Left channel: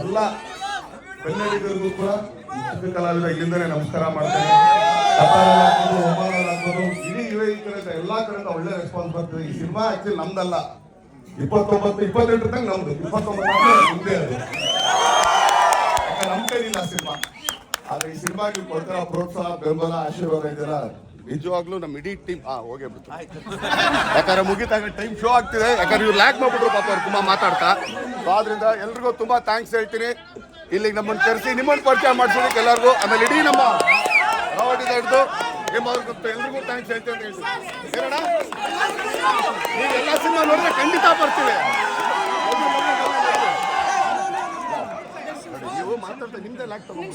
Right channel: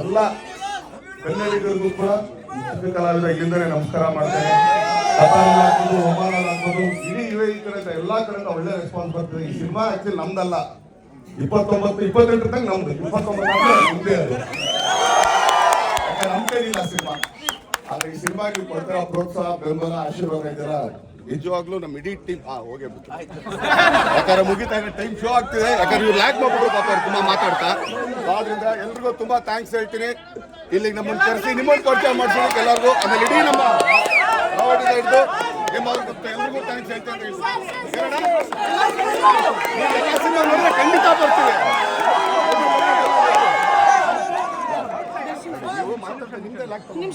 ಎಲ್ಲ ಕನ್ನಡಿಗರಿಗೂ ಕೂಡ ಚಿಕ್ಕ ಕಲಾವಿದ ಇಲ್ಲಿಂದಲೇ ನಮಸ್ಕಾರ ಮಾಡ್ತೇನೆ. ಆಗ್ಬೋದು ಇಡೀ ಕಡೆಯಿಂದ ಎಲ್ಲಾ ಕಡೆಯಿಂದ ಒಳ್ಳೆ ರೆಸ್ಪಾನ್ಸ್ ಬರ್ತದೆ. ಈ ಸಿನಿಮಾ ಆಕ್ಚುಲಿ ನಮ್ದಲ್ಲ, 29-28 ತನಕ ನಮ್ದು, 29 ಮುಂದೆ ಅದು ನಮ್ ಕೈಲಿಲ್ಲ ಸಿನಿಮಾ. ಆದ್ರೆ ಈ ಸಿನಿಮಾ ನೀವು ಕೊಡ್ತಾರ ಪ್ರೋತ್ಸಾಹ, ಬೆಂಬಲ, ಆಶೀರ್ವಾದ ಇದೆಲ್ಲ ನಿಜವಾಗ್ಲೂ ನಮ್ಮ ಇಡೀ ಟೀಮ್ ಹೋಗ್ಬಿಟ್ಟು ಯಾಕಂದ್ರೆ ಮುಗಿತಾಗ ಟೈಮ್ ಶೋ ಆಗ್ತಿದೆ. ಯಾಕಂದ್ರೆ ಇವ್ರು ಲ್ಯಾಕ್ ಮಾಡ್ಬಿಟ್ರು ಪಾಪ ಅವ್ರು ತುಂಬಾ ಮಾತಾಡ್ತಾ. ಆದ್ರಿಂದ ಎಲ್ರಿಗೂ ತುಂಬಾ ಥ್ಯಾಂಕ್ಸ್ ಹೇಳ್ತೀನಿ. ಇಲ್ಲಿಗೆ ನಮ್ಮನ್ನು ಕರೆಸಿ ನಿಮ್ಮನ್ನು ಪರಿಚಯ ಮಾಡಿಸೋದಕ್ಕೆ ಎಲ್ಲರಿಗೂ, ಆಮೇಲೆ ಇಡೀ ನಮ್ಮ ರಾವಟಿಂದ ಹಿಡಿದು ನಿಮ್ಮವ್ರಿಗೂ ಎಲ್ರಿಗೂ ಥ್ಯಾಂಕ್ಸ್ ಹೇಳ್ತೀನಿ ಅಂತ ಹೇಳಿ ನೀವು ಎಲ್ಲ ಸಿನಿಮಾ ನೋಡಿದ್ರೆ ಖಂಡಿತ ಬರ್ತೀವಿ. ನೀವು ಮಾತಾಡ್ತಾ ನಿಮ್ದೇ ಲ್ಯಾಕ್ ತಗೊಂಡು